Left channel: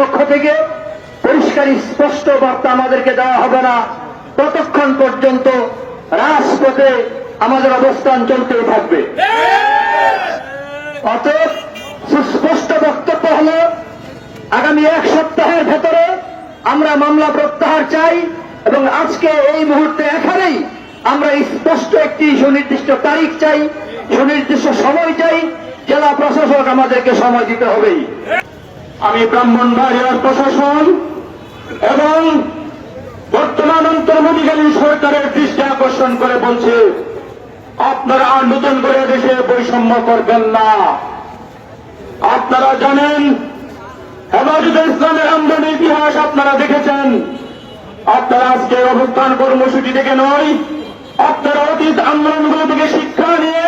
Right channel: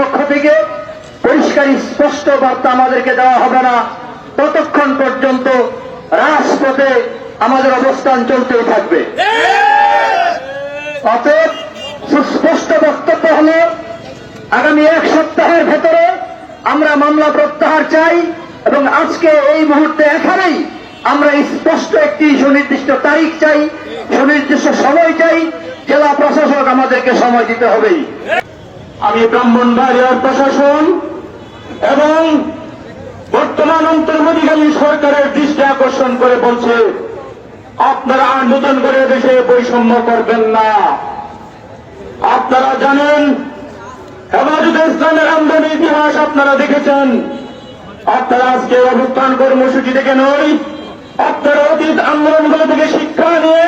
পক্ষ থেকে পরিষ্কার স্পষ্ট বার্তা আমাদেরকে দেওয়া হবে না ততক্ষণ পর্যন্ত রাজপথে আমাদের অবস্থান চলতেই থাকবে। অতএব সুস্পষ্ট বক্তব্য হল আগামী এক সপ্তাহের ভেতরে আমরা মামলা প্রত্যাহার চাই এবং আজকে এই মুহূর্তে এখানেই আমরা স্পষ্ট একটি সুনির্দিষ্ট তারিখ চাই, সুনির্দিষ্ট সময় চাই। জেলা প্রশাসক আমাদেরকে সময় দিতে হবেই। আমি ব্রাহ্মণবাড়িয়ার প্রশাসন এবং বর্তমান অন্তর্বর্তীকালীন সরকারের দৃষ্টি আকর্ষণ করে বলছে, আপনারা আর নতুন করে দেশে বৈষম্য করবেন না। আপনারা জানেন হেফাজতে ইসলামের আন্দোলনের ইতিহাস আপনারা দেখেছেন। আপনারা আজকে অভ্যুত্থান কর্মসূচি থেকে নয়, আপনারা অতীত আন্দোলনগুলো থেকে শিক্ষা নিয়ে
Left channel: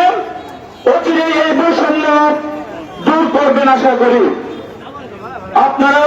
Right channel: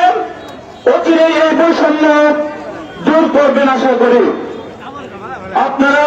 অচিরেই এই বৈষম্য দূর করবেন আশা করি। আপনারা